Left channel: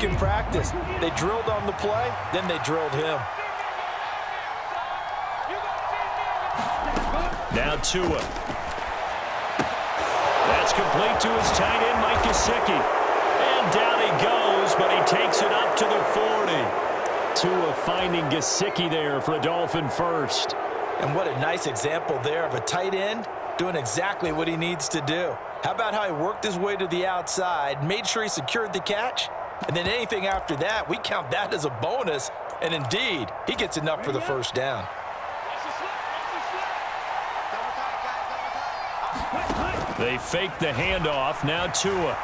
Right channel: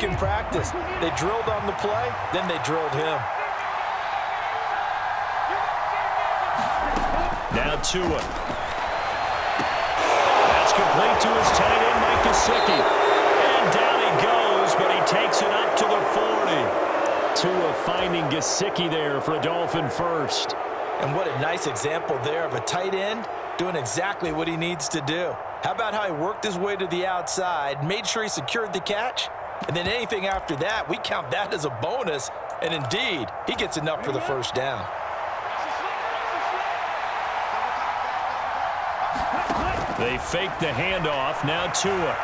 week in practice. They drilled on the play, then they drilled him. Now Tua. That's complete to his tight end, Mike Gesicki. And down he goes, but he takes it up to the 40. Tua finding Gesicki there for a Dolphin first. And what a nice example there of a tight end doing exactly what he needs to do. How about how he worked his way to the outside, made sure he secured the catch, and then anything after that, we count that as a bonus. And indeed, he gets enough for the first down. They fake the handoff. Now Tua.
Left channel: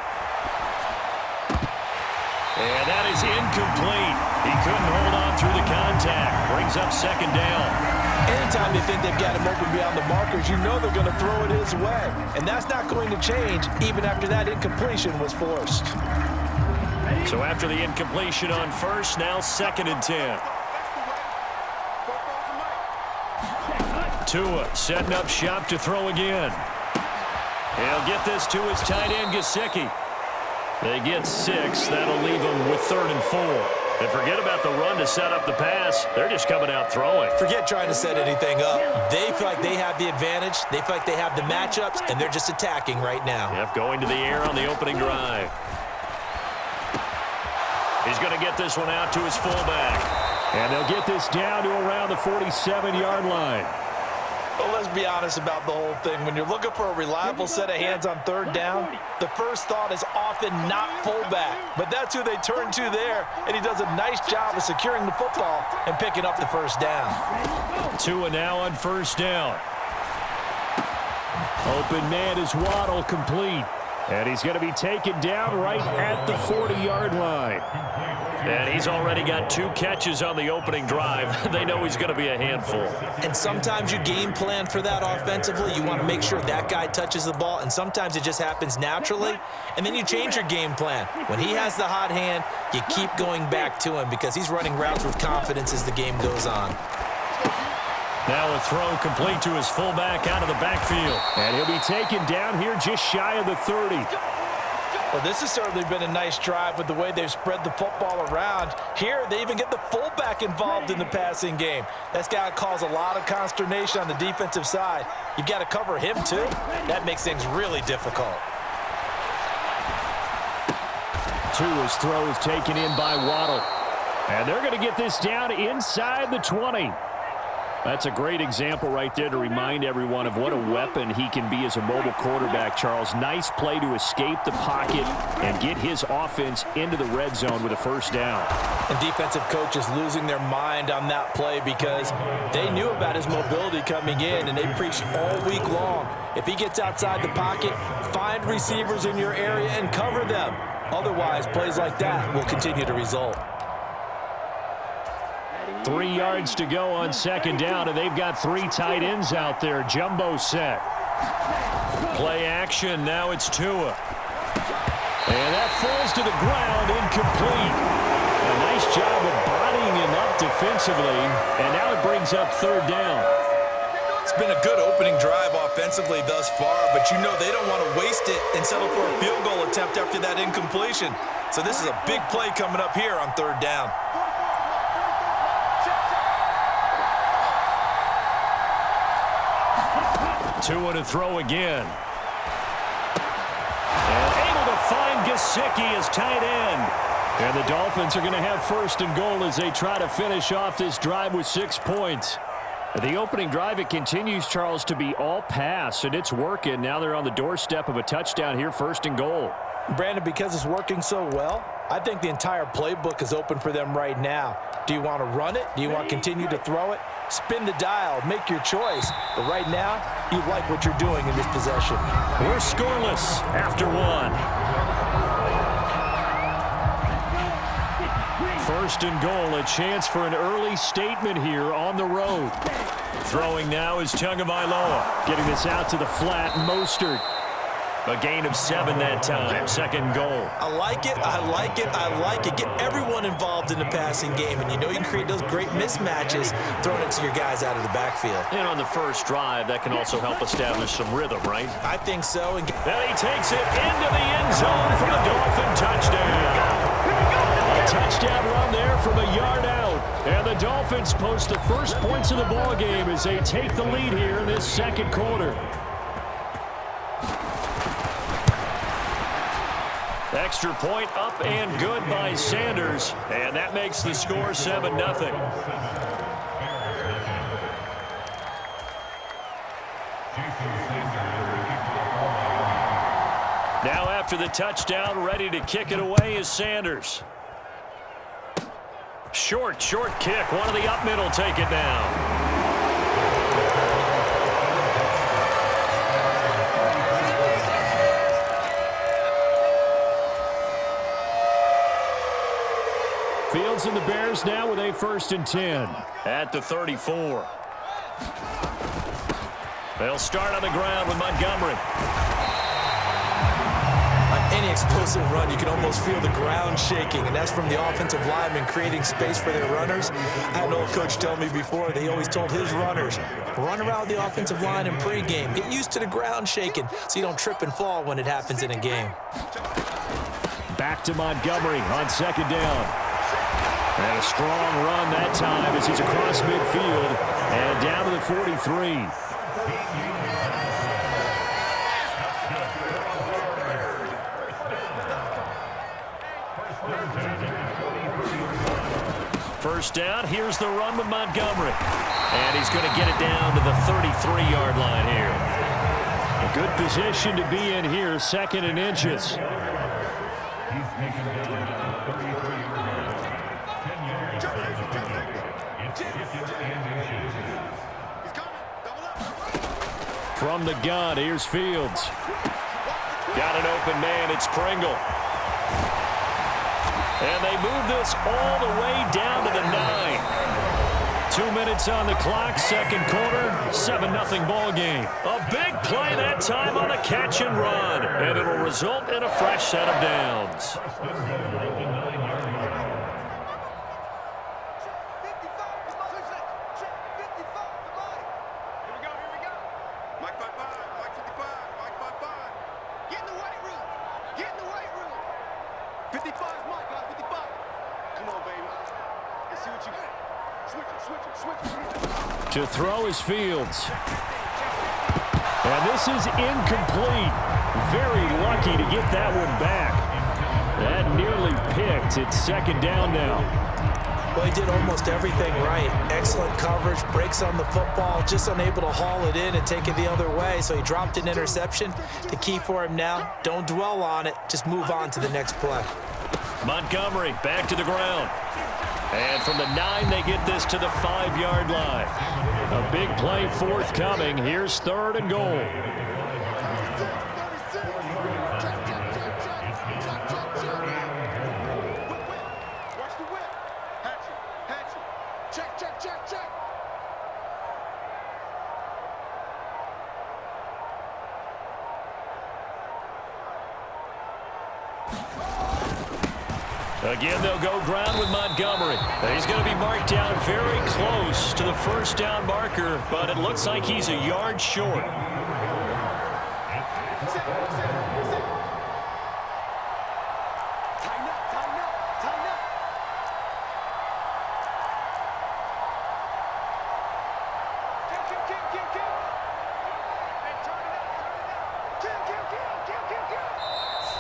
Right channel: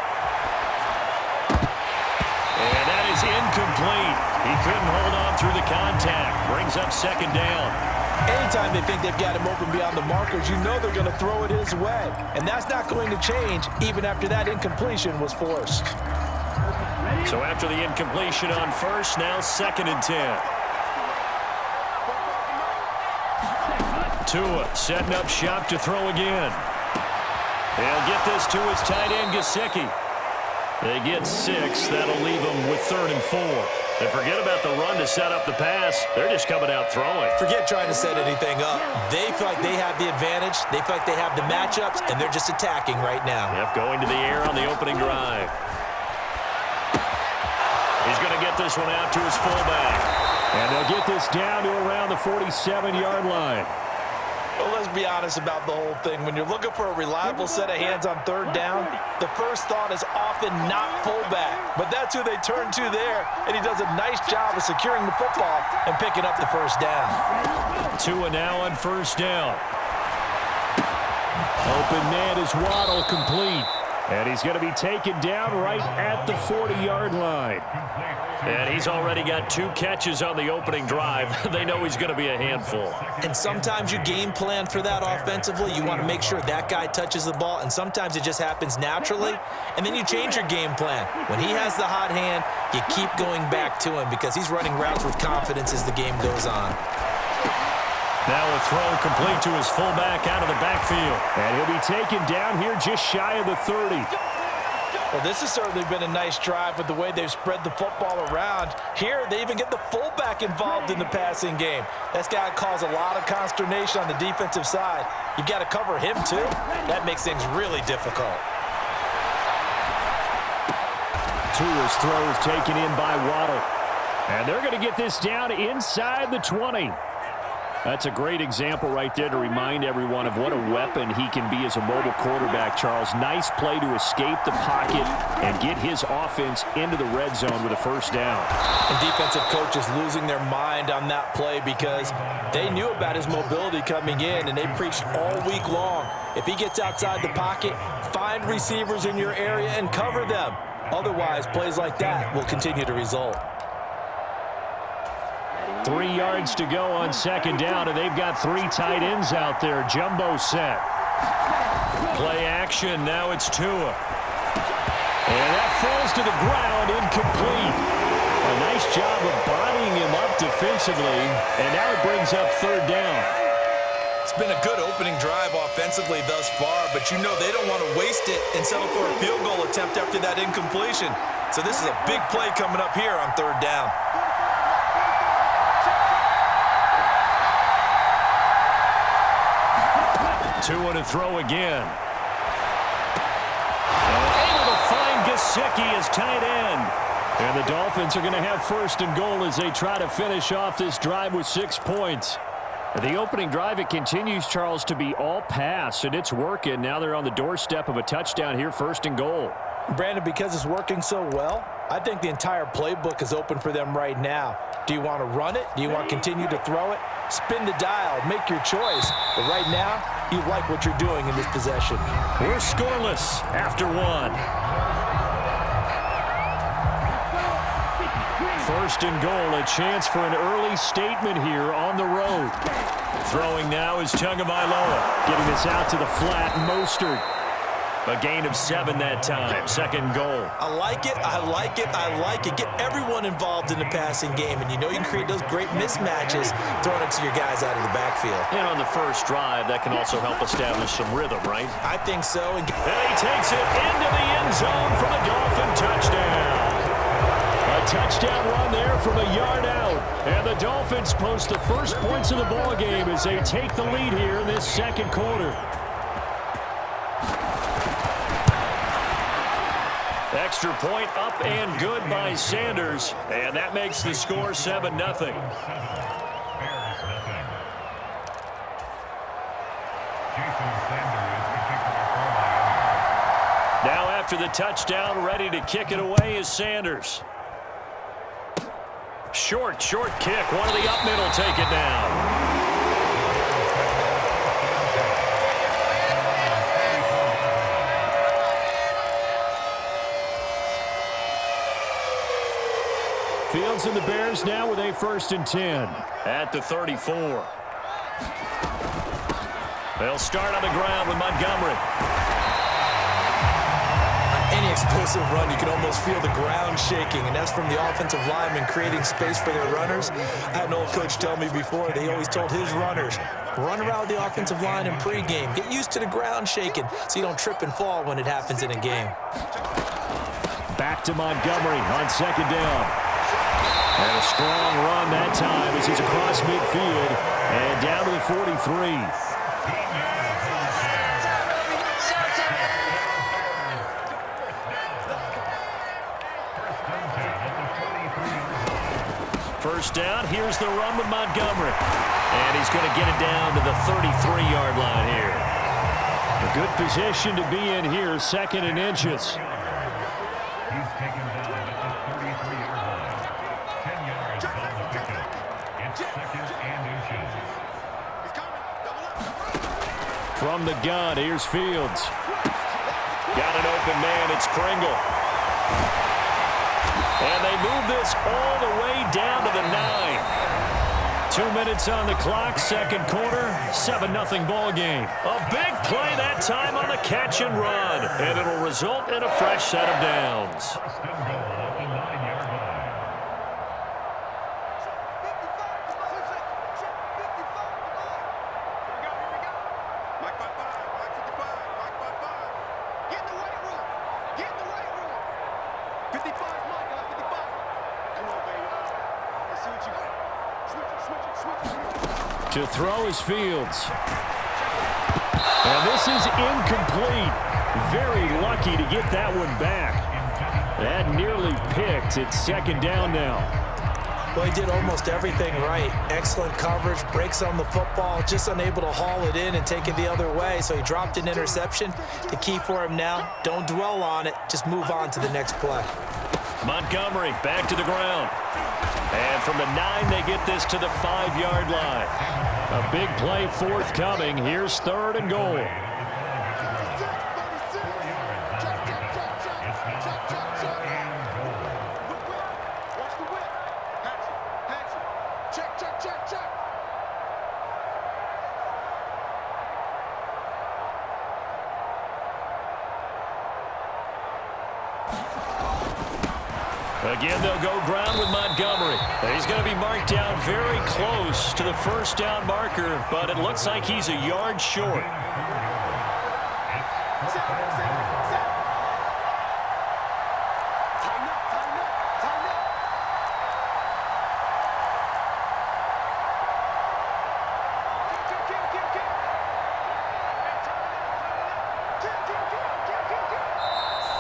And that is incomplete. He couldn't hold on through the contact. Brings up second down. Anytime they think they've got him open beyond the markers, you know they're going to throw it his way. And that's not going to change even after that incompletion was forced. So after the incompletion on first, now 2nd and 10. Tua setting up shop to throw again. He'll get this to his tight end, Gesicki. They get 6. That'll leave them with 3rd and 4. And forget about the run to set up the pass. They're just coming out throwing. Forget trying to set anything up. They feel like they have the advantage. They feel like they have the matchups, and they're just attacking right now. Yep, going to the air on the opening drive. He's going to get this one out to his fullback. And they'll get this down to around the 47-yard line. Well, let's be honest about the whole thing. When you're looking for a reliable set of hands on 3rd down, the first thought is often not fullback. But that's who they turn to there, and he does a nice job of securing the football and picking up the first down. Tua now on first down. Open man is Waddle, complete. And he's going to be taken down right at the 40-yard line. And he's already got 2 catches on the opening drive. They know he's going to be a handful. And sometimes you game plan for that offensively. You want to make sure that guy touches the ball, and sometimes it just happens naturally. And then you change your game plan. When he has the hot hand, you keep going back to him because he's running routes with confidence as the game goes on. Now a throw complete to his fullback out of the backfield. And he'll be taken down here just shy of the 30. Well, this has certainly been a nice drive with the way they've spread the football around. Here, they even get the fullback involved in the passing game. That's got to cause a lot of consternation on the defensive side. You've got to cover him, too. That makes things really difficult. Tua's throw is taken in by Waddle. And they're going to get this down inside the 20. That's a great example right there to remind everyone of what a weapon he can be as a mobile quarterback, Charles. Nice play to escape the pocket and get his offense into the red zone with a first down. And defensive coaches losing their mind on that play because they knew about his mobility coming in, and they preached all week long. If he gets outside the pocket, find receivers in your area and cover them. Otherwise, plays like that will continue to result. 3 yards to go on second down, and they've got 3 tight ends out there. Jumbo set. Play action. Now it's Tua. And that falls to the ground, incomplete. A nice job of bodying him up defensively, and now it brings up 3rd down. It's been a good opening drive offensively thus far, but you know they don't want to waste it and settle for a field goal attempt after that incompletion. So this is a big play coming up here on 3rd down. Tua to throw again. And able to find Gesicki as tight end. And the Dolphins are going to have 1st and goal as they try to finish off this drive with 6 points. The opening drive, it continues, Charles, to be all pass, and it's working. Now they're on the doorstep of a touchdown here, 1st and goal. Brandon, because it's working so well, I think the entire playbook is open for them right now. Do you want to run it? Do you want to continue to throw it? Spin the dial. Make your choice. But right now, you like what you're doing in this possession. We're scoreless after 1. 1st and goal, a chance for an early statement here on the road. Throwing now is Tagovailoa. Getting this out to the flat, Mostert. A gain of 7 that time. 2nd goal. I like it. I like it. I like it. Get everyone involved in the passing game, and you know you can create those great mismatches throwing it to your guys out of the backfield. And on the first drive, that can also help establish some rhythm, right? I think so. And he takes it into the end zone for the Dolphin touchdown. A Touchdown run there from a yard out. And the Dolphins post the first points of the ball game as they take the lead here in this second quarter. Extra point up and good by Sanders. And that makes the score 7-0. Now after the touchdown, ready to kick it away is Sanders. Short kick. One of the up middle take it down. Fields and the Bears now with a 1st and 10 at the 34. They'll start on the ground with Montgomery. On any explosive run, you can almost feel the ground shaking, and that's from the offensive linemen creating space for their runners. I had an old coach tell me before that he always told his runners, run around the offensive line in pregame. Get used to the ground shaking so you don't trip and fall when it happens in a game. Back to Montgomery on 2nd down. And a strong run that time as he's across midfield and down to the 43. First down, here's the run with Montgomery. And he's going to get it down to the 33-yard line here. A good position to be in here, 2nd and inches. He's taken down at the 33-yard line. 10 yards on the pickup. It's 2nd and inches. He's coming. Double up. From the gun, here's Fields. Got an open man, it's Pringle. And they move this all the way down to the 9. 2 minutes on the clock, second quarter, 7-0 ball game. A big play that time on the catch and run, and it'll result in a fresh set of downs. First and goal at the 9-yard line. Here we go. Mike 55, Mike 55, Mike 55. Get in the weight room. Get in the weight room. 55 is Mike, guys, 55. Come on, baby. Let's see what you got. Switch it. To throw is Fields. And this is incomplete. Very lucky to get that one back. That nearly picked. It's 2nd down now. Well, he did almost everything right. Excellent coverage, breaks on the football, just unable to haul it in and take it the other way, so he dropped an interception. The key for him now, don't dwell on it, just move on to the next play. Montgomery back to the ground. And from the 9, they get this to the 5-yard line. A big play forthcoming. Here's 3rd and goal. Check. Again, they'll go ground with Montgomery. He's going to be marked down very close to the 1st down marker, but it looks like he's a yard short. Tighten up.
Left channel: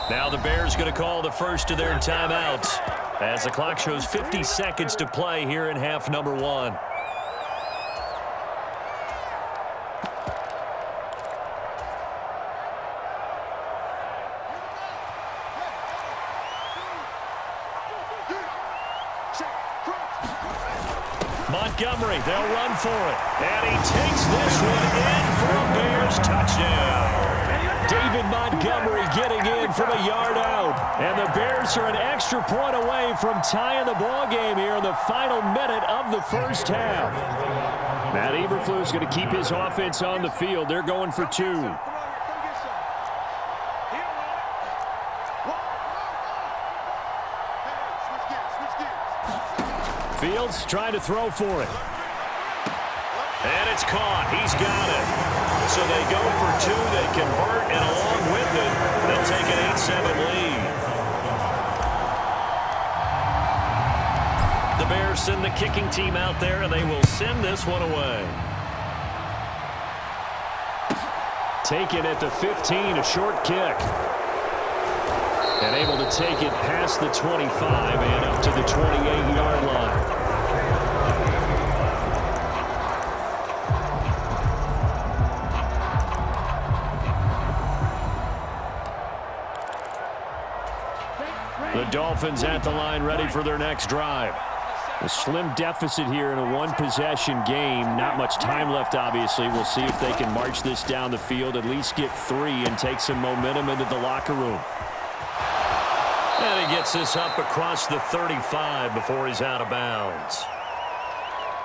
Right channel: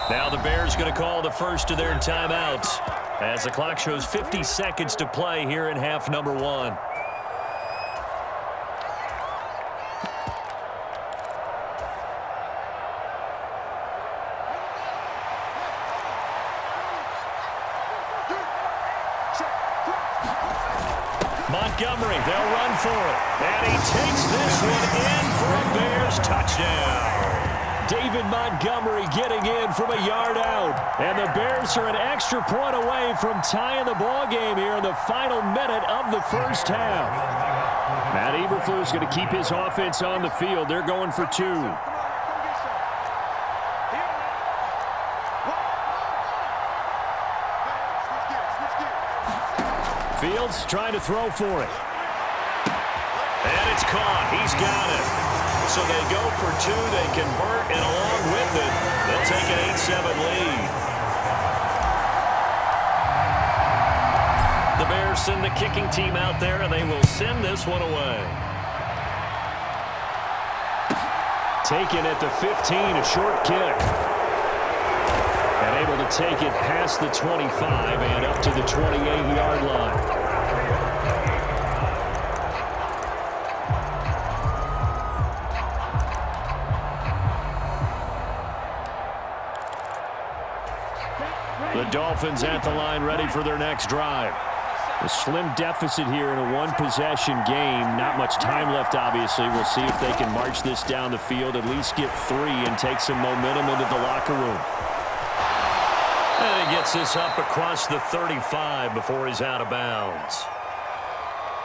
Now the Bears going to call the first of their timeouts as the clock shows 50 seconds to play here in half number 1. Montgomery, they'll run for it. And he takes this one in for a Bears touchdown. David Montgomery getting in from a yard out. And the Bears are an extra point away from tying the ball game here in the final minute of the first half. Matt Eberflus is going to keep his offense on the field. They're going for 2. Fields trying to throw for it. And it's caught. He's got it. So they go for 2. They convert, and along with it, they'll take an 8-7 lead. The Bears send the kicking team out there, and they will send this one away. Taken at the 15, a short kick. And able to take it past the 25 and up to the 28-yard line. The Dolphins at the line ready for their next drive. A slim deficit here in a one-possession game. Not much time left, obviously. We'll see if they can march this down the field, at least get 3 and take some momentum into the locker room. And he gets this up across the 35 before he's out of bounds.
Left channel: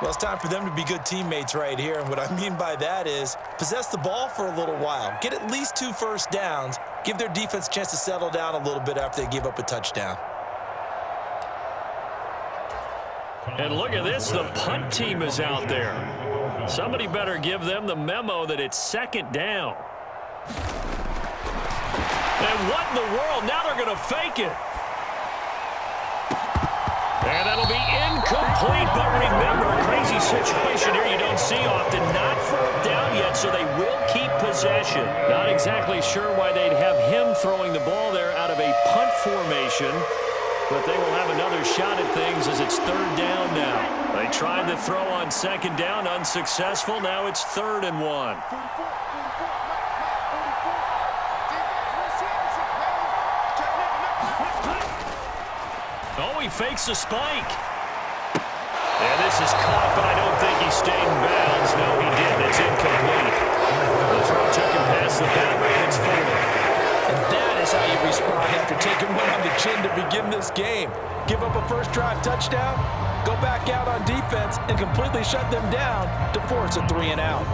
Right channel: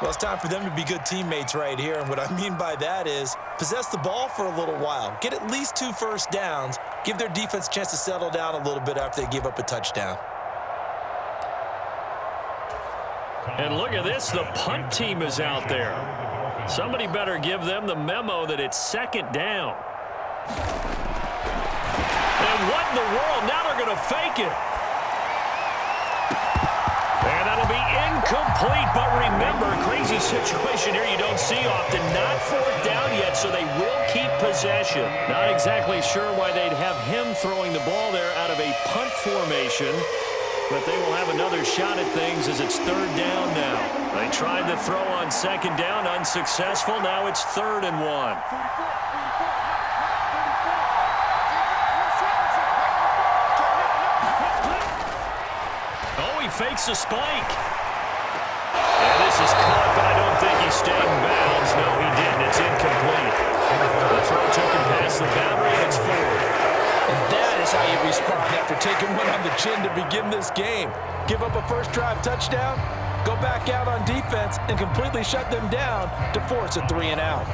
Well, it's time for them to be good teammates right here, and what I mean by that is possess the ball for a little while, get at least 2 first downs, give their defense a chance to settle down a little bit after they give up a touchdown. And look at this, the punt team is out there. Somebody better give them the memo that it's second down. And what in the world? Now they're going to fake it. And that'll be incomplete, but remember, crazy situation here you don't see often. Not 4th down yet, so they will keep possession. Not exactly sure why they'd have him throwing the ball there out of a punt formation, but they will have another shot at things as it's 3rd down now. They tried to throw on 2nd down, unsuccessful. Now it's 3rd and 1. Oh, he fakes a spike. And this is caught, but I don't think he stayed in bounds. No, he didn't. It's incomplete. The throw took him past the boundary, and it's 4th. And that is how you respond after taking one on the chin to begin this game. Give up a first drive touchdown, go back out on defense, and completely shut them down to force a 3 and out.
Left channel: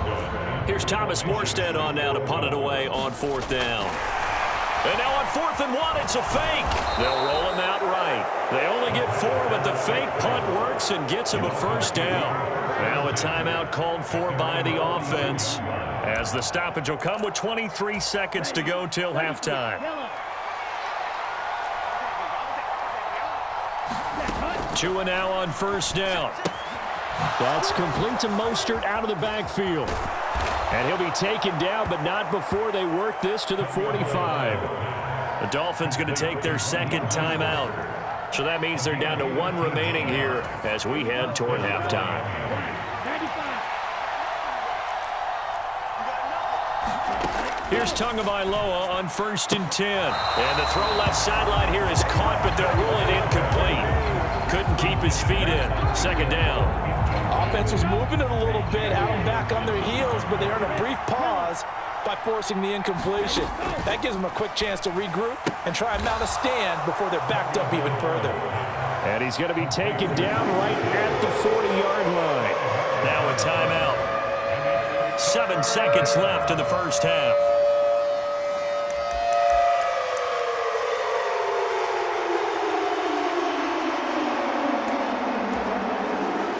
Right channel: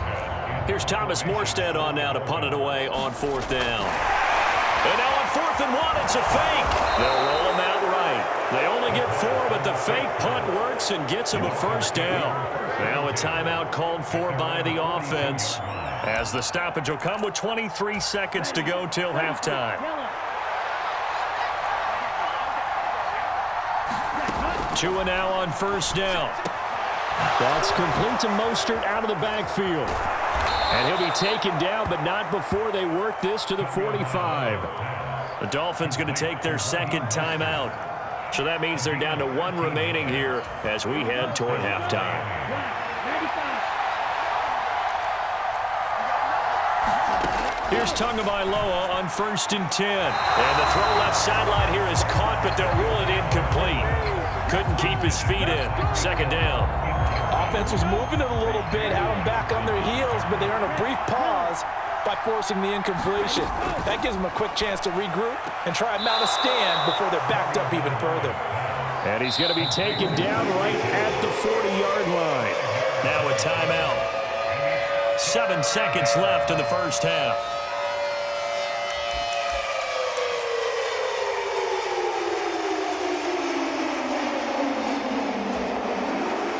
Here's Thomas Morstead on now to punt it away on 4th down. And now on 4th and 1, it's a fake. They'll roll him out right. They only get 4, but the fake punt works and gets him a first down. Now a timeout called for by the offense, as the stoppage will come with 23 seconds to go till halftime. 2 and now on 1st down. That's complete to Mostert out of the backfield. And he'll be taken down, but not before they work this to the 45. The Dolphins going to take their 2nd timeout. So that means they're down to 1 remaining here as we head toward halftime. Here's Tagovailoa on 1st and 10. And the throw left sideline here is caught, but they'll rule it incomplete. Couldn't keep his feet in. 2nd down. Offense was moving it a little bit, had them back on their heels, but they earned a brief pause by forcing the incompletion. That gives them a quick chance to regroup and try and mount a stand before they're backed up even further. And he's going to be taken down right at the 40-yard line. Now a timeout. 7 seconds left in the first half.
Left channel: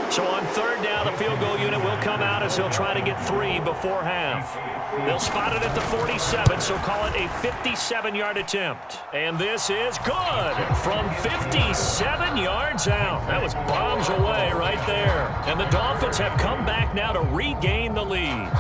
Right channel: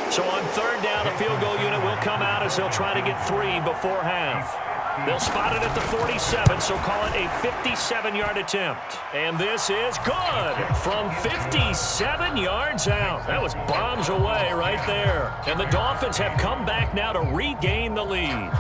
So on 3rd down, the field goal unit will come out as they'll try to get 3 before half. They'll spot it at the 47, so call it a 57-yard attempt. And this is good from 57 yards out. That was bombs away right there. And the Dolphins have come back now to regain the lead.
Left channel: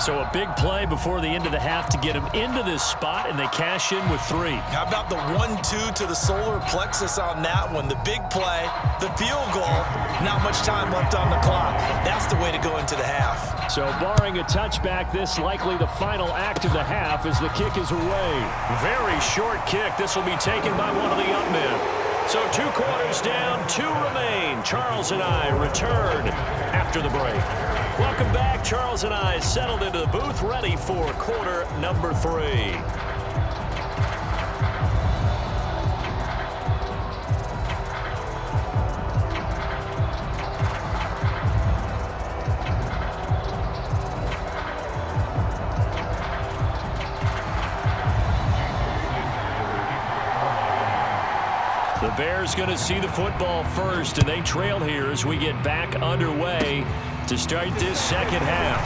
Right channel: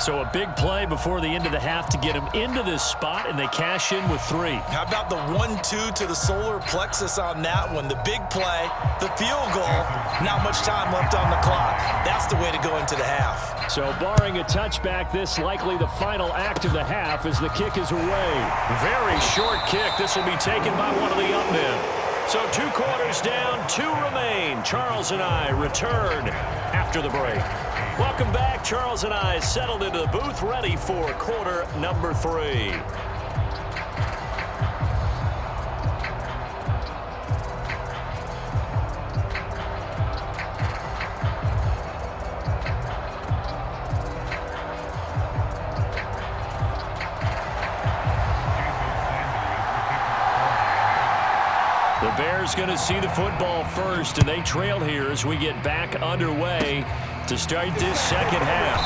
So a big play before the end of the half to get them into this spot, and they cash in with 3. How about the 1-2 to the solar plexus on that one? The big play, the field goal, not much time left on the clock. That's the way to go into the half. So barring a touchback, this likely the final act of the half as the kick is away. Very short kick. This will be taken by one of the up men. So 2 quarters down, 2 remain. Charles and I return after the break. Welcome back. Charles and I settled into the booth, ready for quarter number 3. The Bears going to see the football first, and they trail here as we get back underway to start this second half.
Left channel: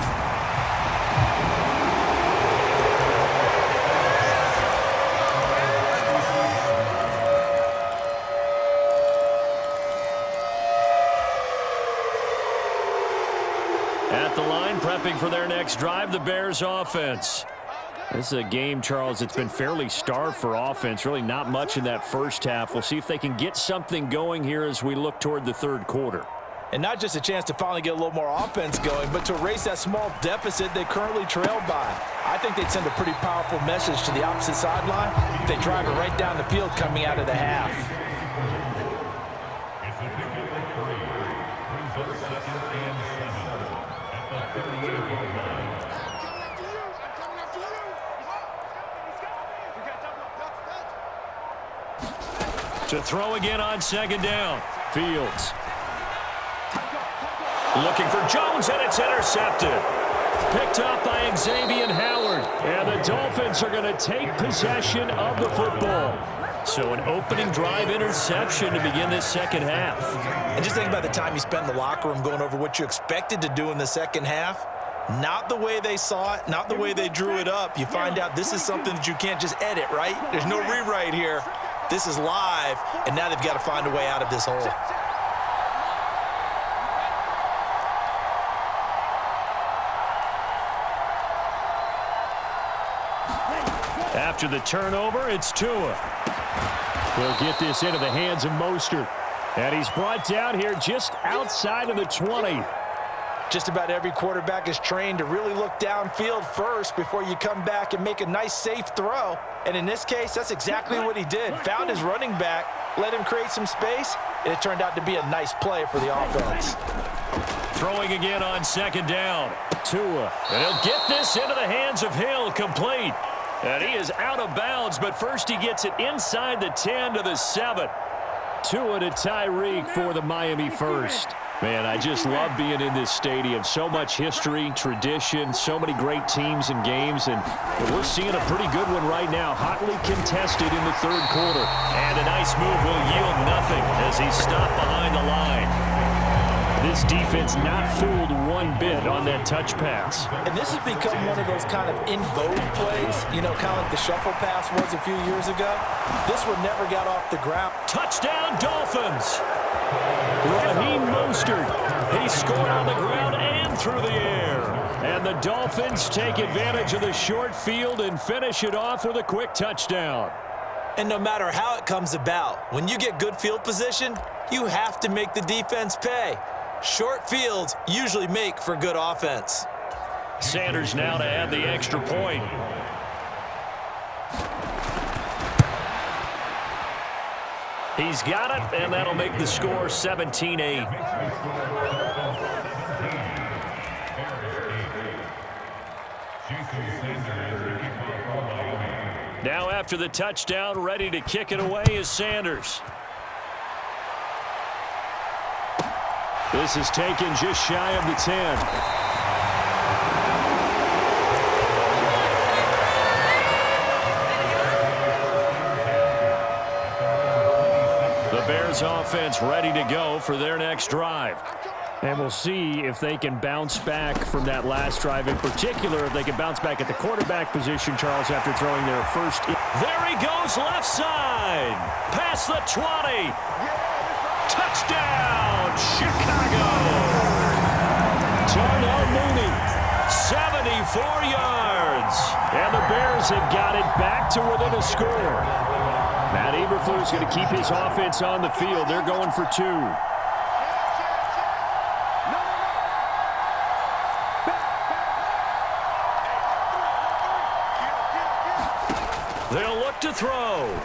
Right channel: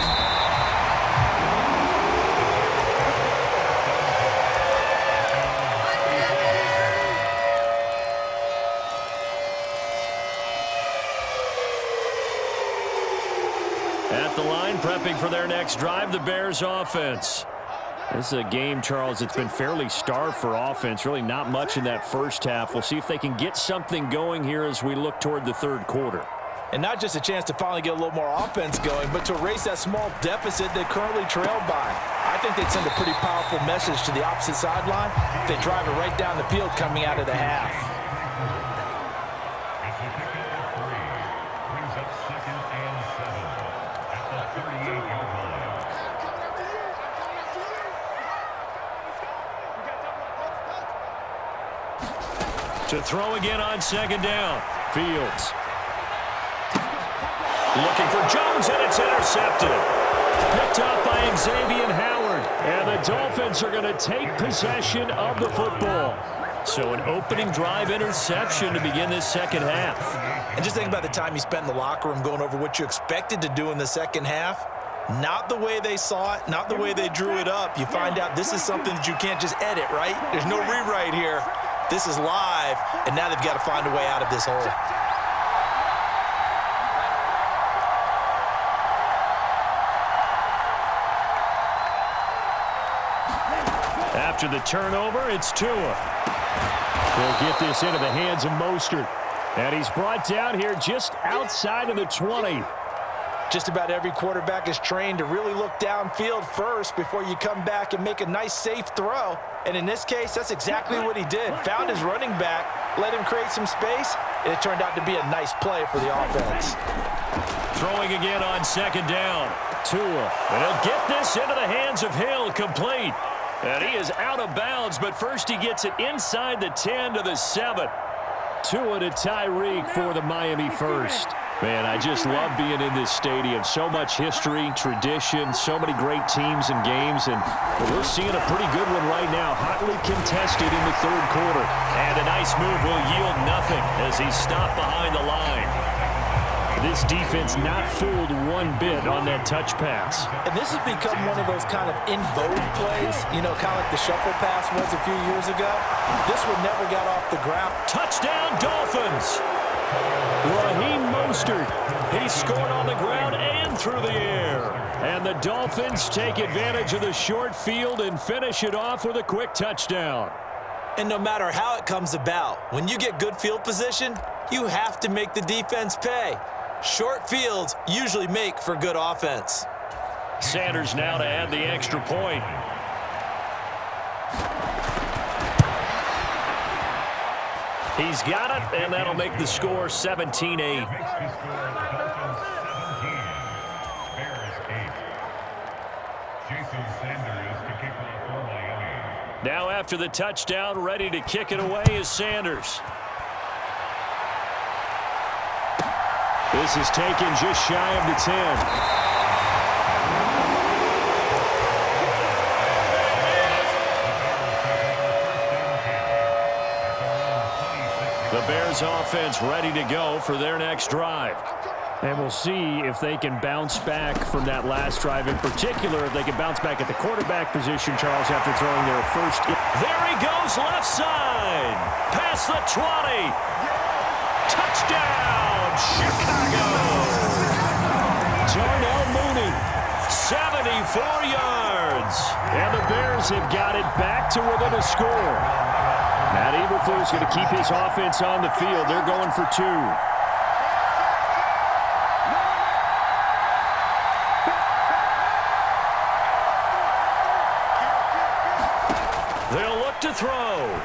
At the line, prepping for their next drive, the Bears offense. This is a game, Charles, it's been fairly starved for offense. Really not much in that first half. We'll see if they can get something going here as we look toward the third quarter. And not just a chance to finally get a little more offense going, but to erase that small deficit they currently trailed by. I think they'd send a pretty powerful message to the opposite sideline if they drive it right down the field coming out of the half. It's the pick number 3. Brings up 2nd and 7 at the 38-yard line. I'm coming after you. I'm coming after you. Let's go. We got double up. To throw again on 2nd down. Fields. Looking for Jones, and it's intercepted. Picked up by Xavier Howard. And the Dolphins are going to take possession of the football. So an opening drive interception to begin this second half. And just think about the time you spent in the locker room going over what you expected to do in the second half. Not the way they saw it, not the way they drew it up. You find out this is something that you can't just edit, right? There's no rewrite here. This is live, and now they've got to find a way out of this hole. After the turnover, it's Tua. He'll get this into the hands of Mostert. And he's brought down here just outside of the 20. Just about every quarterback is trained to really look downfield first before you come back and make a nice, safe throw. And in this case, that's exactly what he did. Found his running back, let him create some space, and it turned out to be a nice play for the offense. Throwing again on 2nd down. Tua. And he'll get this into the hands of Hill, complete. And he is out of bounds, but first he gets it inside the 10 to the 7. Tua to Tyreek for the Miami first. Man, I just love being in this stadium. So much history, tradition, so many great teams and games, and we're seeing a pretty good one right now. Hotly contested in the third quarter. And a nice move will yield nothing as he's stopped behind the line. This defense not fooled one bit on that touch pass. And this has become one of those kind of in vogue plays, you know, kind of like the shuffle pass was a few years ago. This one never got off the ground. Touchdown, Dolphins! Raheem Mostert. He scored on the ground and through the air. And the Dolphins take advantage of the short field and finish it off with a quick touchdown. And no matter how it comes about, when you get good field position, you have to make the defense pay. Short fields usually make for good offense. Sanders now to add the extra point. He's got it, and that'll make the score 17-8. Now after the touchdown, ready to kick it away is Sanders. This is taken just shy of the 10. The Bears offense ready to go for their next drive. And we'll see if they can bounce back from that last drive. In particular, if they can bounce back at the quarterback position, Charles, after throwing their first. There he goes, left side. Past the 20. Touchdown, Chicago. Darnell Mooney, 74 yards. And the Bears have got it back to within a score. Matt Eberflus going to keep his offense on the field. They're going for 2. They'll look to throw.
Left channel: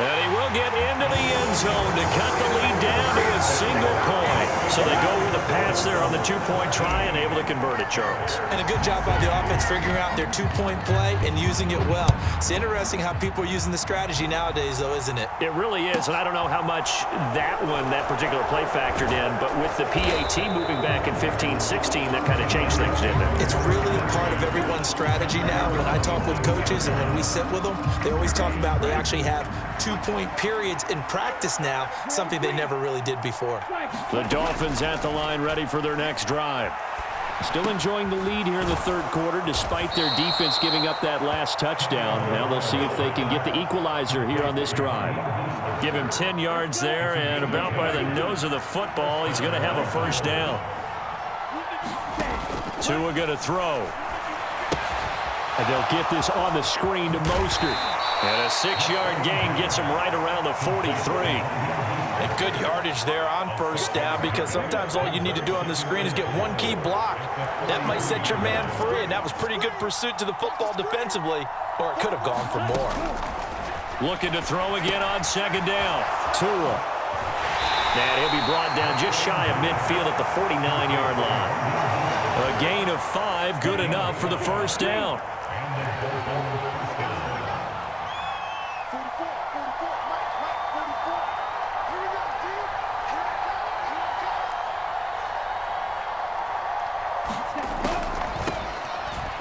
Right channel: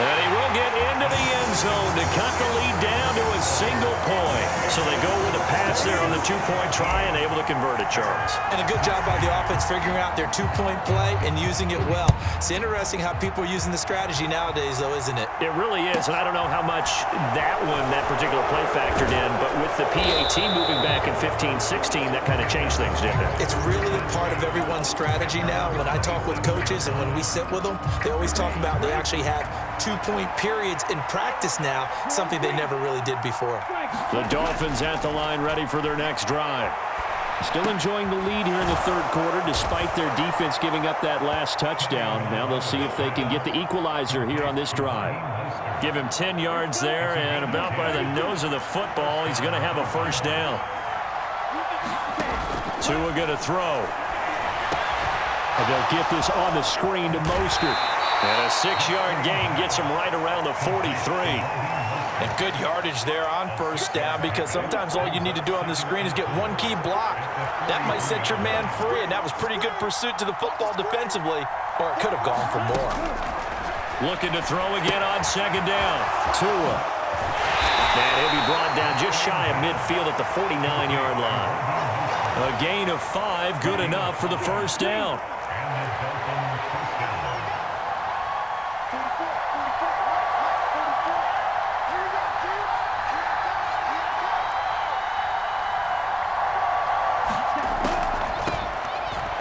And he will get into the end zone to cut the lead down to a single point. So they go with a pass there on the 2-point try and able to convert it, Charles. And a good job by the offense figuring out their 2-point play and using it well. It's interesting how people are using the strategy nowadays, though, isn't it? It really is, and I don't know how much that particular play factored in, but with the PAT moving back in 15-16, that kind of changed things, didn't it? It's really a part of everyone's strategy now. When I talk with coaches and when we sit with them, they always talk about they actually have 2-point periods in practice now, something they never really did before. The Dolphins at the line ready for their next drive. Still enjoying the lead here in the third quarter despite their defense giving up that last touchdown. Now they'll see if they can get the equalizer here on this drive. Give him 10 yards there, and about by the nose of the football, he's going to have a first down. Tua going to throw. And they'll get this on the screen to Mostert. And a 6-yard gain gets him right around the 43. And good yardage there on first down, because sometimes all you need to do on the screen is get one key block. That might set your man free, and that was pretty good pursuit to the football defensively, or it could have gone for more. Looking to throw again on second down. Tua. And he'll be brought down just shy of midfield at the 49-yard line. A gain of 5, good enough for the first down. And the Dolphins first down. 44, 44, Mike, 44. Here we go, team. Here I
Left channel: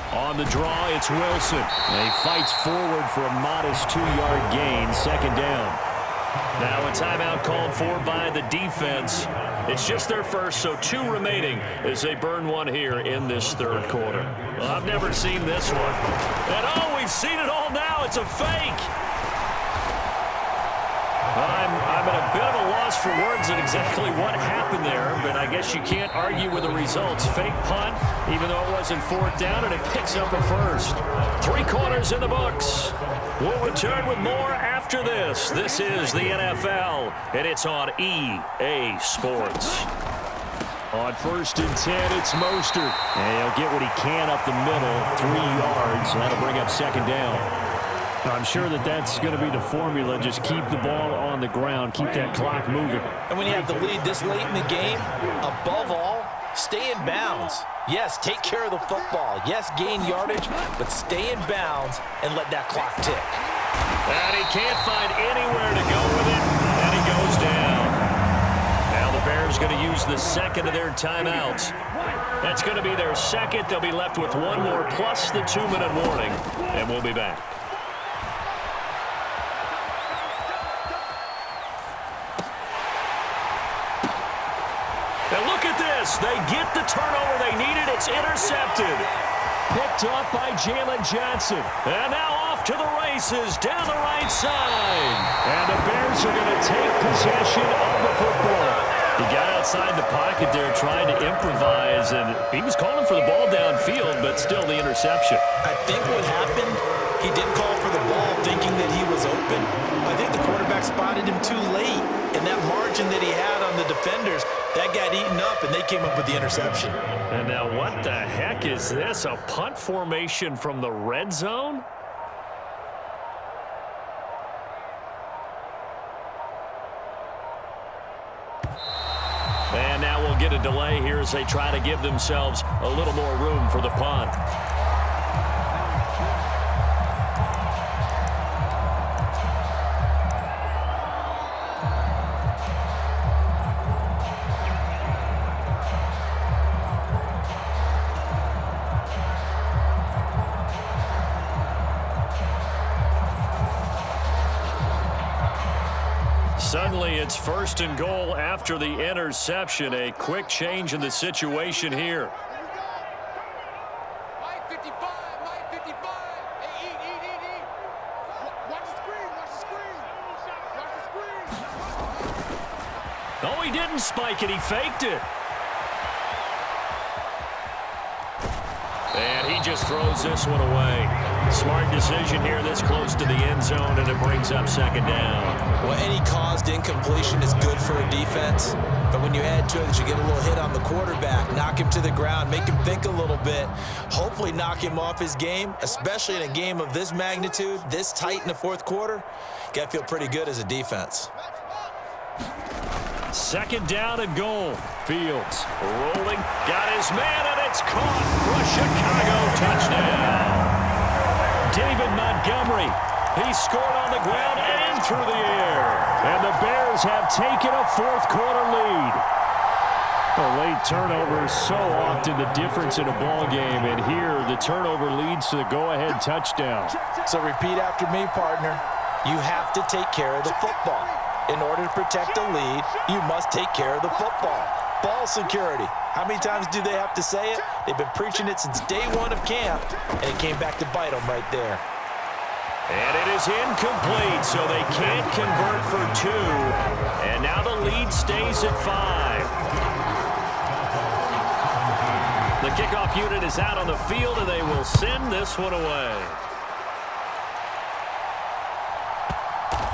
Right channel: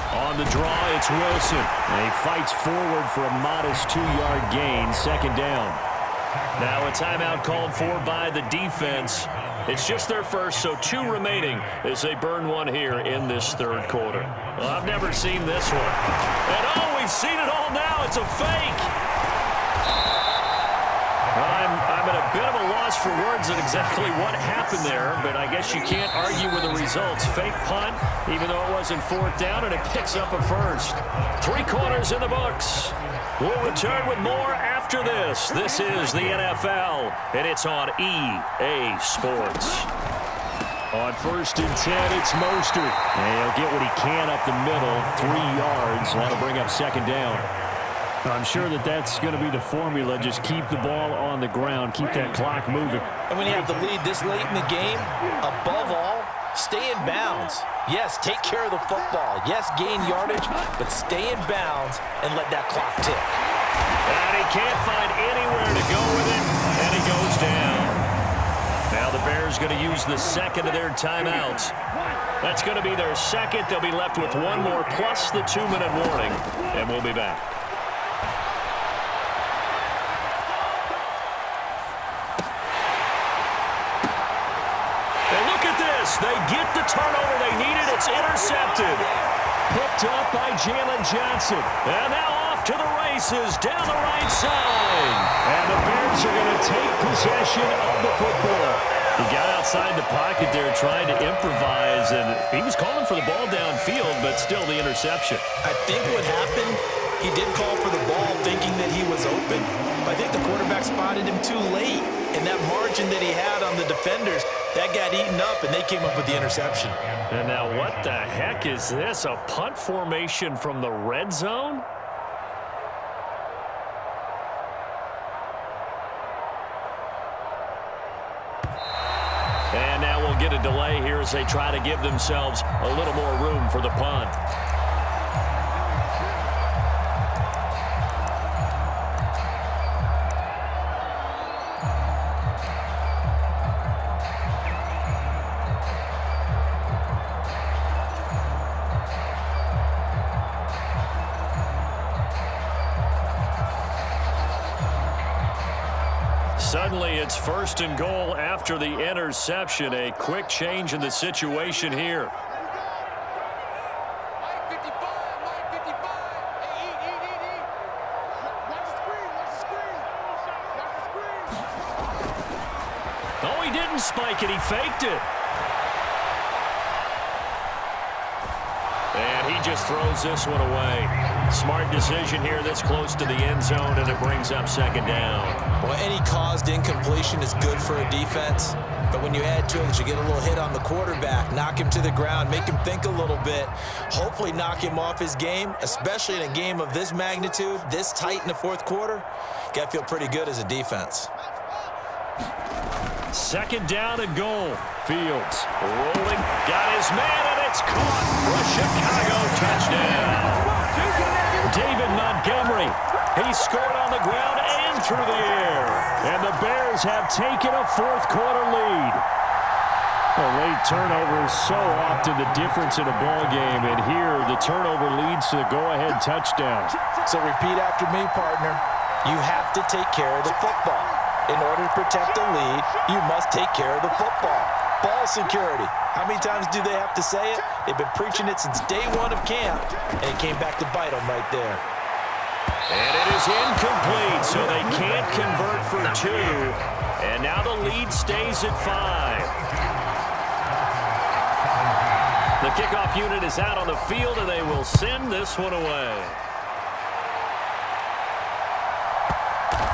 come, On the draw, it's Wilson. And he fights forward for a modest 2-yard gain, second down. Now a timeout called for by the defense. It's just their first, so 2 remaining as they burn one here in this third quarter. Well, I've never seen this one. And oh, we've seen it all now. It's a fake. I'm at a bit of a loss for words at exactly what happened there, but I guess you can't argue with the results. Fake punt, even though it wasn't fourth down, and it picks up a first. 3 quarters in the books. We'll return with more after this. This is the NFL, and it's on EA Sports. On 1st and 10, it's Mostert. And he'll get what he can up the middle, 3 yards. That'll bring up second down. I'm sure that's going to be the formula. Just keep the ball on the ground. Keep that clock moving. And when you have the lead this late in the game, above all, stay in bounds. Yes, take care of the football. Yes, gain yardage, but stay in bounds and let that clock tick. And he can't find anywhere to go with it, and he goes down. Now the Bears going to use the second of their timeouts. That's going to be their second. They'll be left with 1 more plus the 2-minute warning, and we'll be back. And look at this. They get the turnover they needed. It's intercepted. Picked up by Jalen Johnson. And now off to the races down the right side. And the Bears are going to take possession of the football. He got outside the pocket there trying to improvise, and he was calling for the ball downfield, but still the interception. I think what happened, he did call for the ball thinking that he was open, but I think the quarterback spotted him too late. And that margin that he had on the defenders, that got eaten up, and they came up with the interception. And now what the heck is this? A punt formation from the red zone? And now we'll get a delay here as they try to give themselves a little more room for the punt. Suddenly, it's 1st and goal after the interception. A quick change in the situation here. Mike 55, Mike 55. Hey, eat. Watch the screen, watch the screen. Watch the screen. Oh, he didn't spike it. He faked it. And he just throws this one away. Smart decision here this close to the end zone, and it brings up second down. Well, any caused incompletion is good for a defense, but when you add to it that you get a little hit on the quarterback, knock him to the ground, make him think a little bit, hopefully knock him off his game, especially in a game of this magnitude, this tight in the fourth quarter, got to feel pretty good as a defense. Second down and goal. Fields rolling, got his man, and it's caught for a Chicago touchdown. David Montgomery, he scored on the ground and through the air. And the Bears have taken a fourth quarter lead. A late turnover, so often the difference in a ball game, and here the turnover leads to the go-ahead touchdown. So repeat after me, partner. You have to take care of the football. In order to protect a lead, you must take care of the football. Ball security. How many times do they have to say it? They've been preaching it since day one of camp, and it came back to bite them right there. And it is incomplete, so they can't convert for 2. And now the lead stays at 5. The kickoff unit is out on the field, and they will send this one away.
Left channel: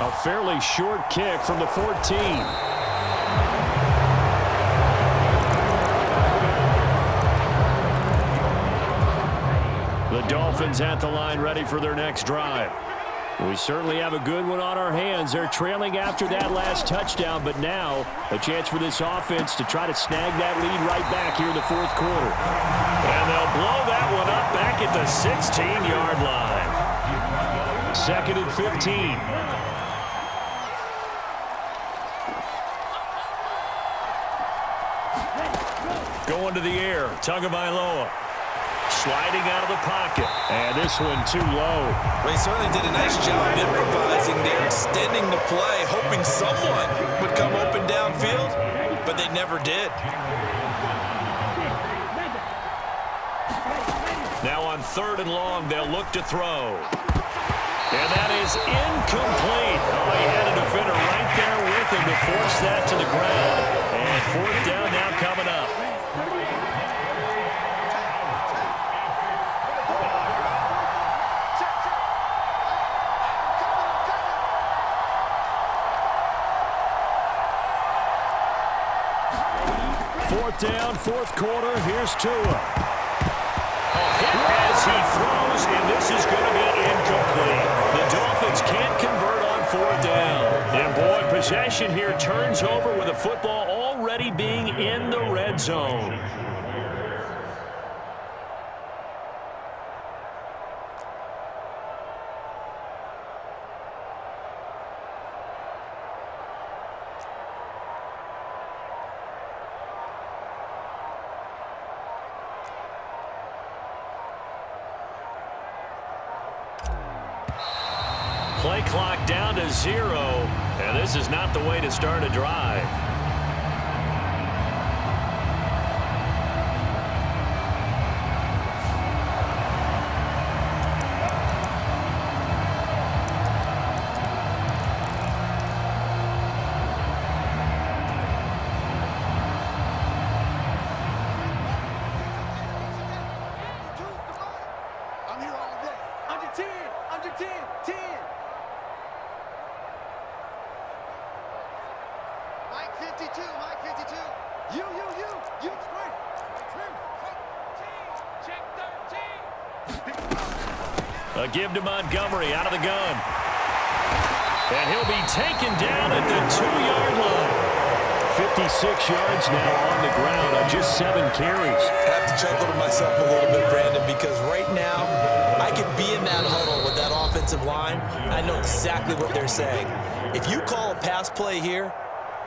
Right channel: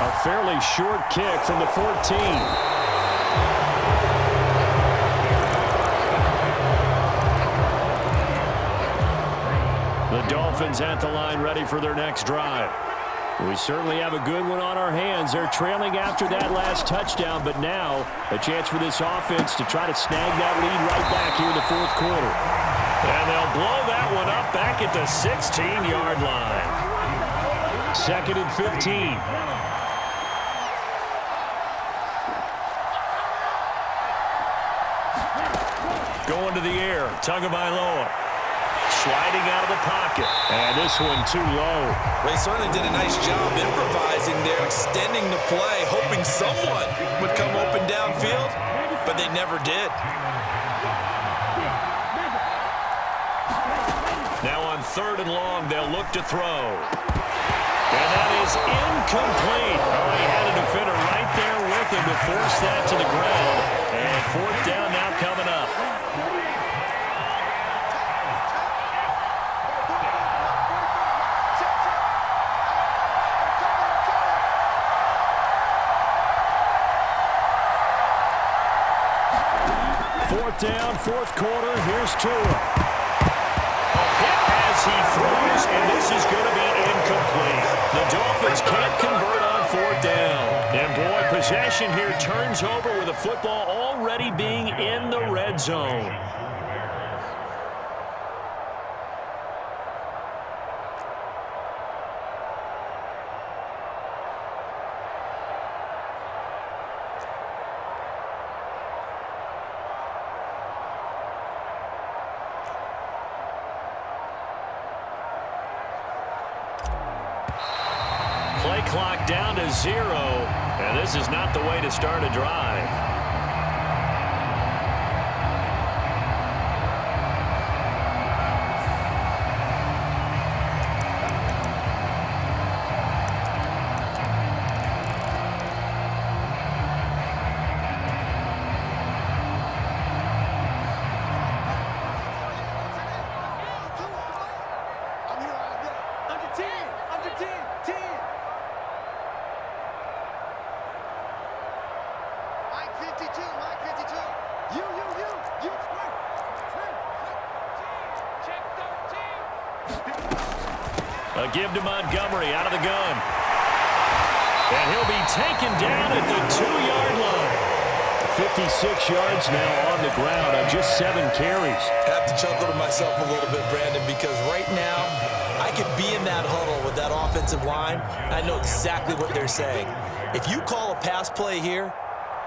A fairly short kick from the 14. The Dolphins at the line ready for their next drive. We certainly have a good one on our hands. They're trailing after that last touchdown, but now a chance for this offense to try to snag that lead right back here in the fourth quarter. And they'll blow that one up back at the 16-yard line. 2nd and 15. Going to the air, Tagovailoa. Sliding out of the pocket. And this one too low. Well, he certainly did a nice job improvising there, extending the play, hoping someone would come open downfield, but they never did. Now on 3rd and long, they'll look to throw. And that is incomplete. Oh, he had a defender right there with him to force that to the ground. And 4th down now coming up. Fourth down, fourth quarter. Here's Tua. A hit as he throws, and this is going to be incomplete. The Dolphins can't convert on 4th down. And, boy, possession here turns over with the football already being in the red zone. Play clock down to 0, and this is not the way to start a drive. I'm here all day. Under 10, under 10, 10. Mike 52, Mike 52. You. Check 13. A give to Montgomery out of the gun. And he'll be taken down at the 2-yard line. 56 yards now on the ground on just 7 carries. I have to chuckle to myself a little bit, Brandon, because right now I could be in that huddle with that offensive line. I know exactly what they're saying. If you call a pass play here,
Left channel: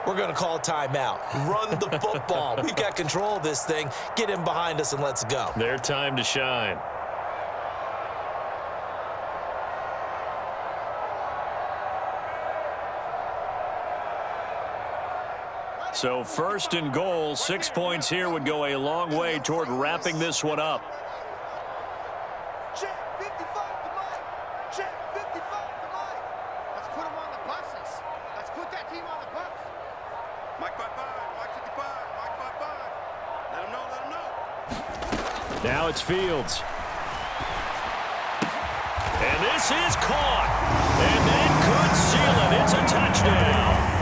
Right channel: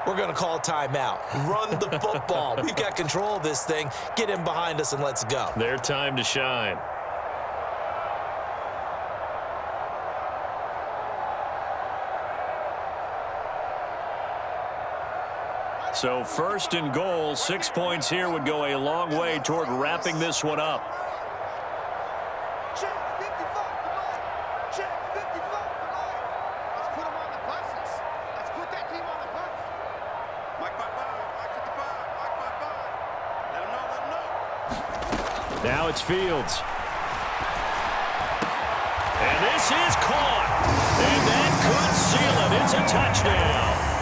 we're going to call a timeout. Run the football. We've got control of this thing. Get in behind us and let's go. Their time to shine. So 1st and goal, 6 points here would go a long way toward wrapping this one up. Check 55 to Mike. Check 55 to Mike. Let's put them on the buses. Let's put that team on the bus. Mike 55, Mike 55, Mike 55. Let them know. Now it's Fields. And this is caught. And that could seal it. It's a touchdown.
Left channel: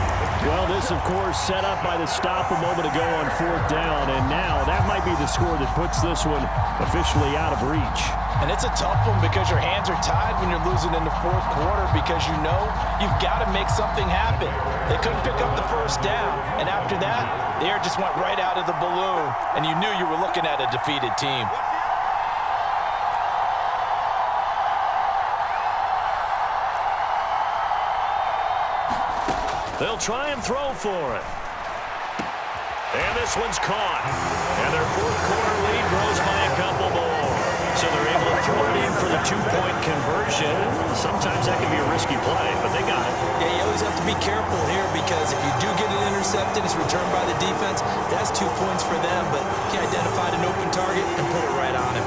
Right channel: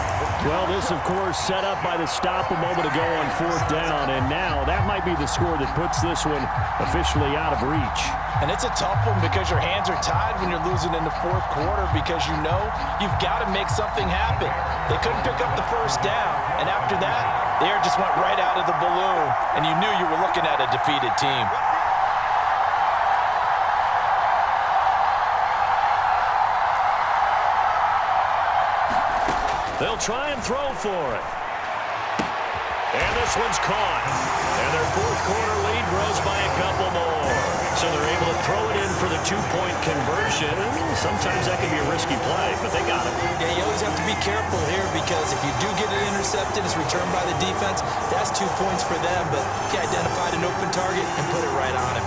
Well, this, of course, set up by the stop a moment ago on 4th down, and now that might be the score that puts this one officially out of reach. And it's a tough one because your hands are tied when you're losing in the 4th quarter because you know you've got to make something happen. They couldn't pick up the 1st down, and after that, the air just went right out of the balloon, and you knew you were looking at a defeated team. They'll try and throw for it. And this one's caught. And their 4th quarter lead grows by a couple more. So they're able to throw it in for the 2-point conversion. Sometimes that can be a risky play, but they got it. Yeah, you always have to be careful here because if you do get it intercepted, it's returned by the defense. That's 2 points for them, but he identified an open target and put it right on him.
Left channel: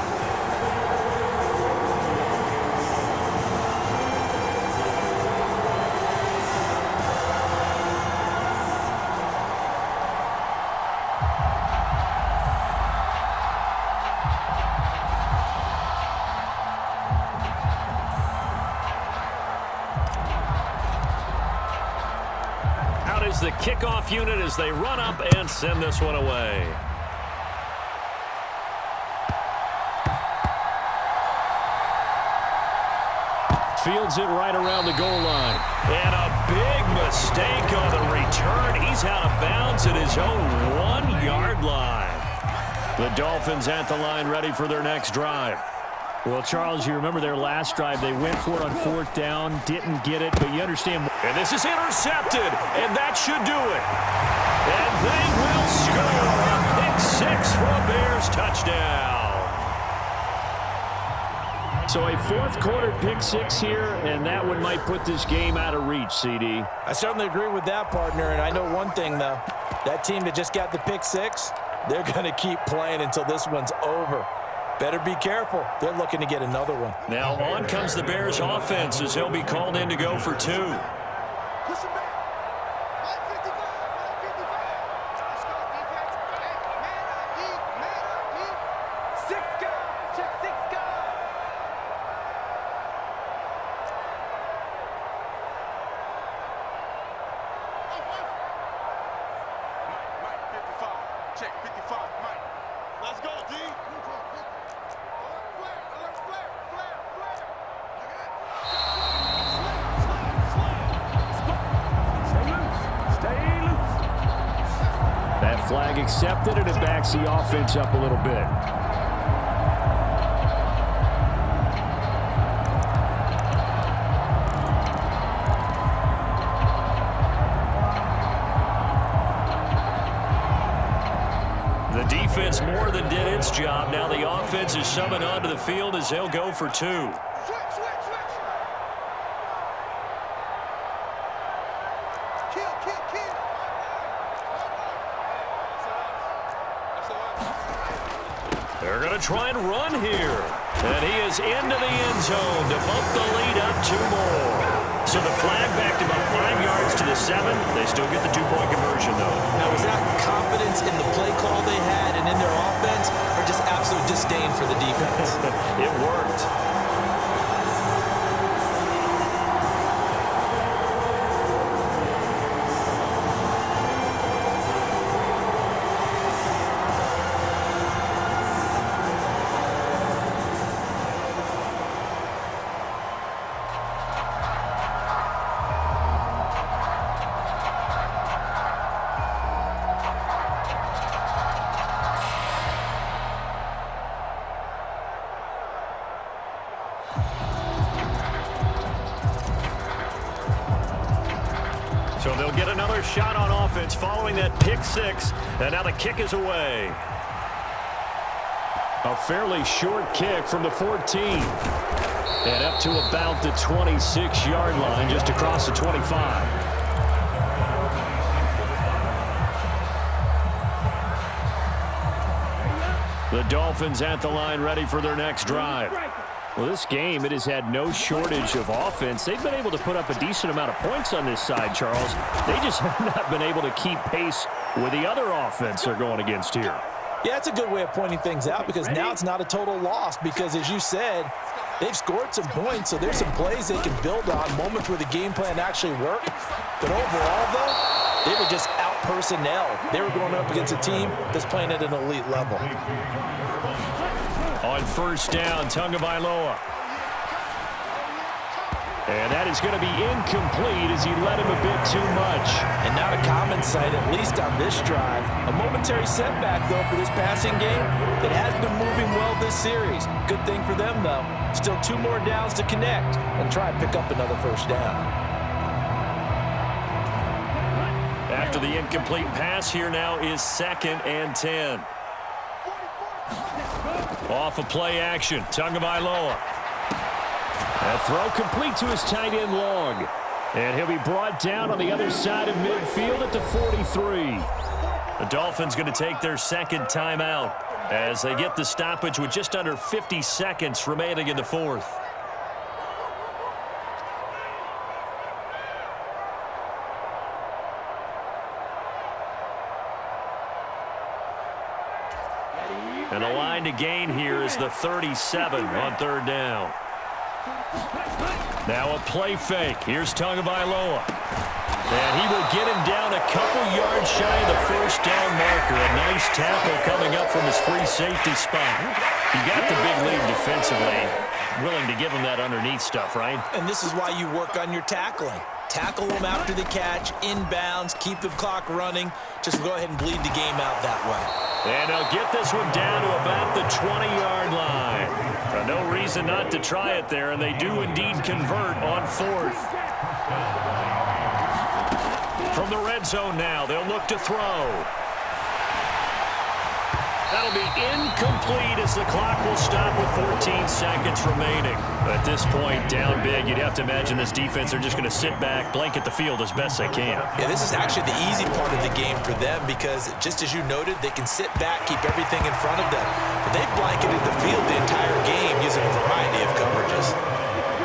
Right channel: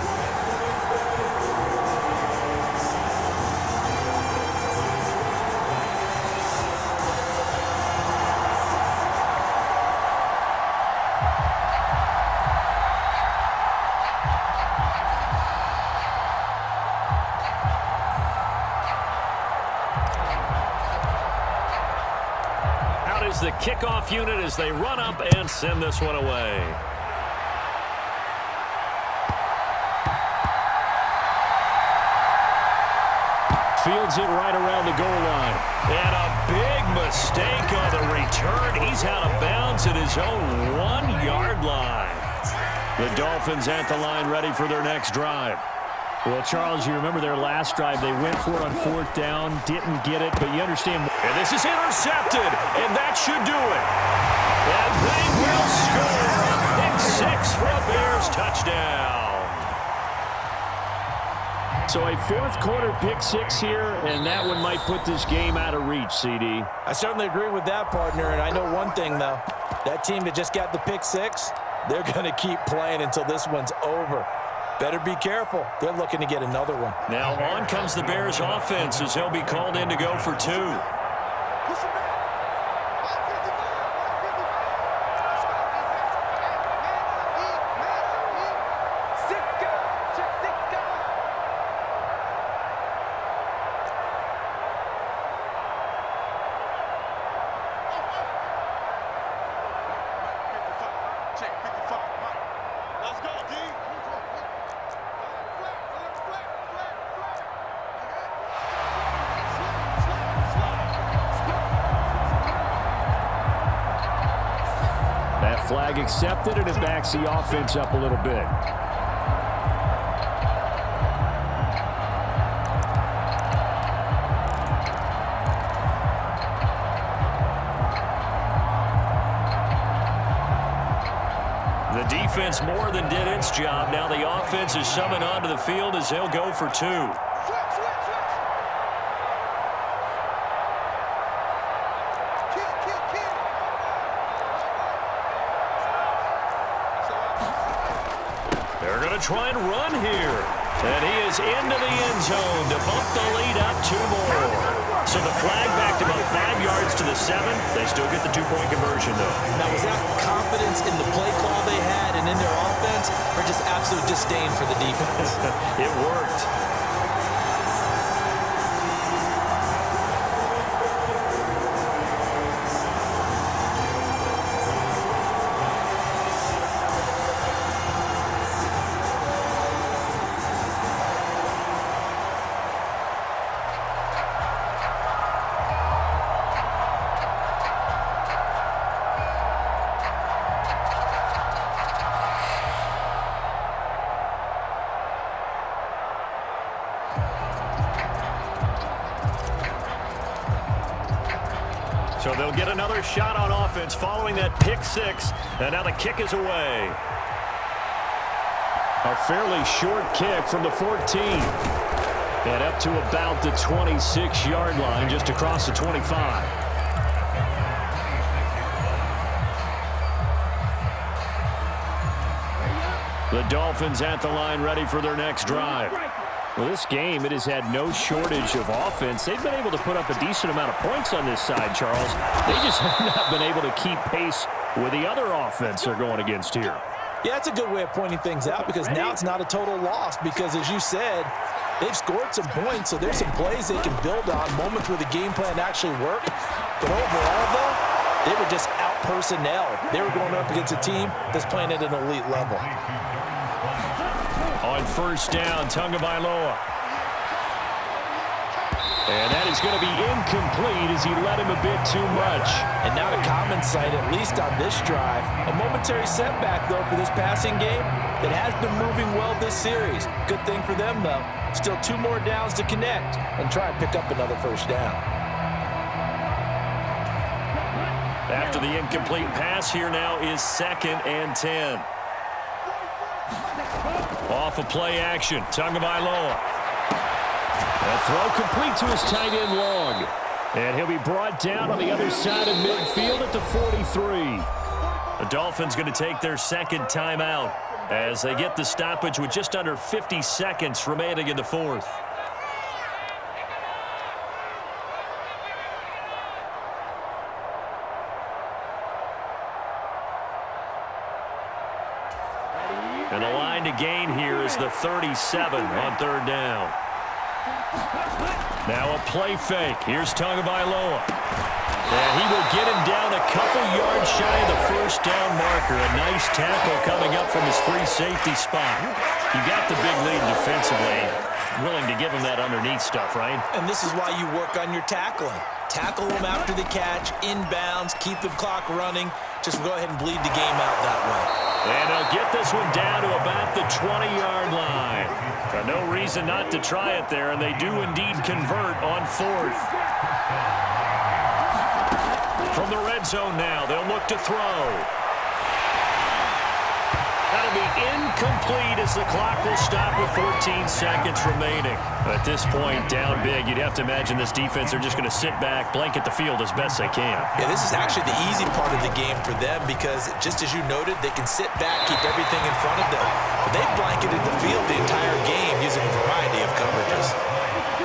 is the kickoff unit as they run up and send this one away. Fields it right around the goal line. And a big mistake on the return. He's out of bounds at his own 1-yard line. The Dolphins at the line ready for their next drive. Well, Charles, you remember their last drive. They went for it on 4th down, didn't get it, but you understand. And this is intercepted, and that should do it. And they will score a pick-6 for a Bears touchdown. So a 4th quarter pick-6 here, and that one might put this game out of reach, CD. I certainly agree with that, partner, and I know one thing, though. That team that just got the pick-6, they're going to keep playing until this one's over. Better be careful. They're looking to get another one. Now on comes the Bears offense as he'll be called in to go for 2. Push him back. 155, 155. Let's go, defense. Hey, man up, D. Man up, D. 6 guys. Check 6 guys. Mike, 55. Check 55, Mike. Let's go, D. Alert flare. That flag accepted, and it backs the offense up a little bit. The defense more than did its job. Now the offense is summoned onto the field as they'll go for 2. Switch. Kill. They're going to try and run here. And he is into the end zone to bump the lead up 2 more. So the flag backed about 5 yards to the 7. They still get the 2-point conversion, though. Now, was that confidence in the play call they had and in their offense, or just absolute disdain for the defense? It worked. So they'll get another shot on offense following that pick-6, and now the kick is away. A fairly short kick from the 14. And up to about the 26-yard line, just across the 25. The Dolphins at the line ready for their next drive. Well, this game, it has had no shortage of offense. They've been able to put up a decent amount of points on this side, Charles. They just have not been able to keep pace with the other offense they're going against here. Yeah, that's a good way of pointing things out because now it's not a total loss because, as you said, they've scored some points, so there's some plays they can build on, moments where the game plan actually worked. But overall, though, they were just out-personnel. They were going up against a team that's playing at an elite level. On 1st down, Tagovailoa. And that is going to be incomplete as he led him a bit too much. And not a common sight, at least on this drive. A momentary setback, though, for this passing game that has been moving well this series. Good thing for them, though. Still 2 more downs to connect and try and pick up another 1st down. After the incomplete pass, here now is 2nd and 10. Off of play action, Tagovailoa. That throw complete to his tight end Long. And he'll be brought down on the other side of midfield at the 43. The Dolphins going to take their 2nd timeout as they get the stoppage with just under 50 seconds remaining in the 4th. And the line to gain here is the 37 on 3rd down. Now a play fake. Here's Tagovailoa. And he will get him down a couple yards shy of the first down marker. A nice tackle coming up from his free safety spot. You got the big lead defensively. Willing to give him that underneath stuff, right? And this is why you work on your tackling. Tackle them after the catch, inbounds, keep the clock running. Just go ahead and bleed the game out that way. And they'll get this one down to about the 20-yard line. No reason not to try it there, and they do indeed convert on fourth. From the red zone now, they'll look to throw. That'll be incomplete as the clock will stop with 14 seconds remaining. At this point, down big, you'd have to imagine this defense are just going to sit back, blanket the field as best they can. Yeah, this is actually the easy part of the game for them because, just as you noted, they can sit back, keep everything in front of them. But they've blanketed the field the entire game using a variety of coverages.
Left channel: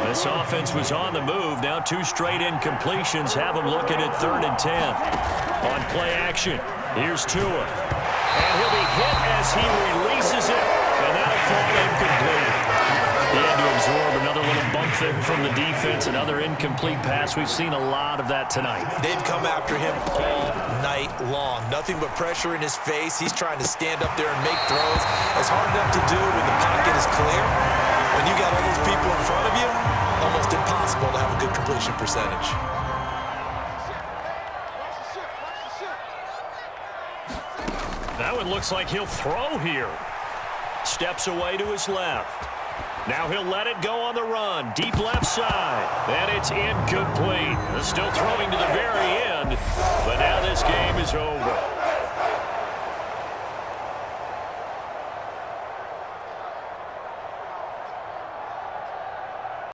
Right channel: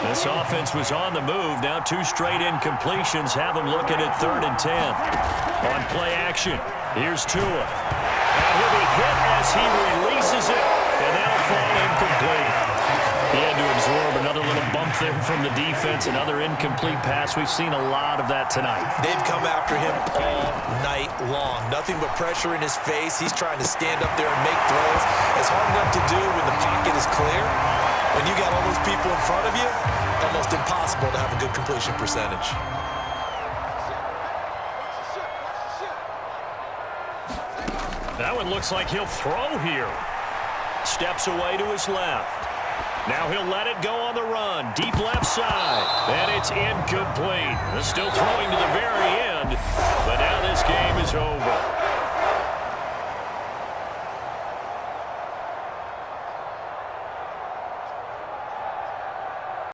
This offense was on the move. Now 2 straight incompletions have them looking at 3rd and 10. On play action, here's Tua. And he'll be hit as he releases it, and that'll fall incomplete. He had to absorb another little bump there from the defense, another incomplete pass. We've seen a lot of that tonight. They've come after him all night long. Nothing but pressure in his face. He's trying to stand up there and make throws. It's hard enough to do when the pocket is clear. When you got all those people in front of you, almost impossible to have a good completion percentage. That one looks like he'll throw here. Steps away to his left. Now he'll let it go on the run. Deep left side. And it's incomplete. Still throwing to the very end. But now this game is over.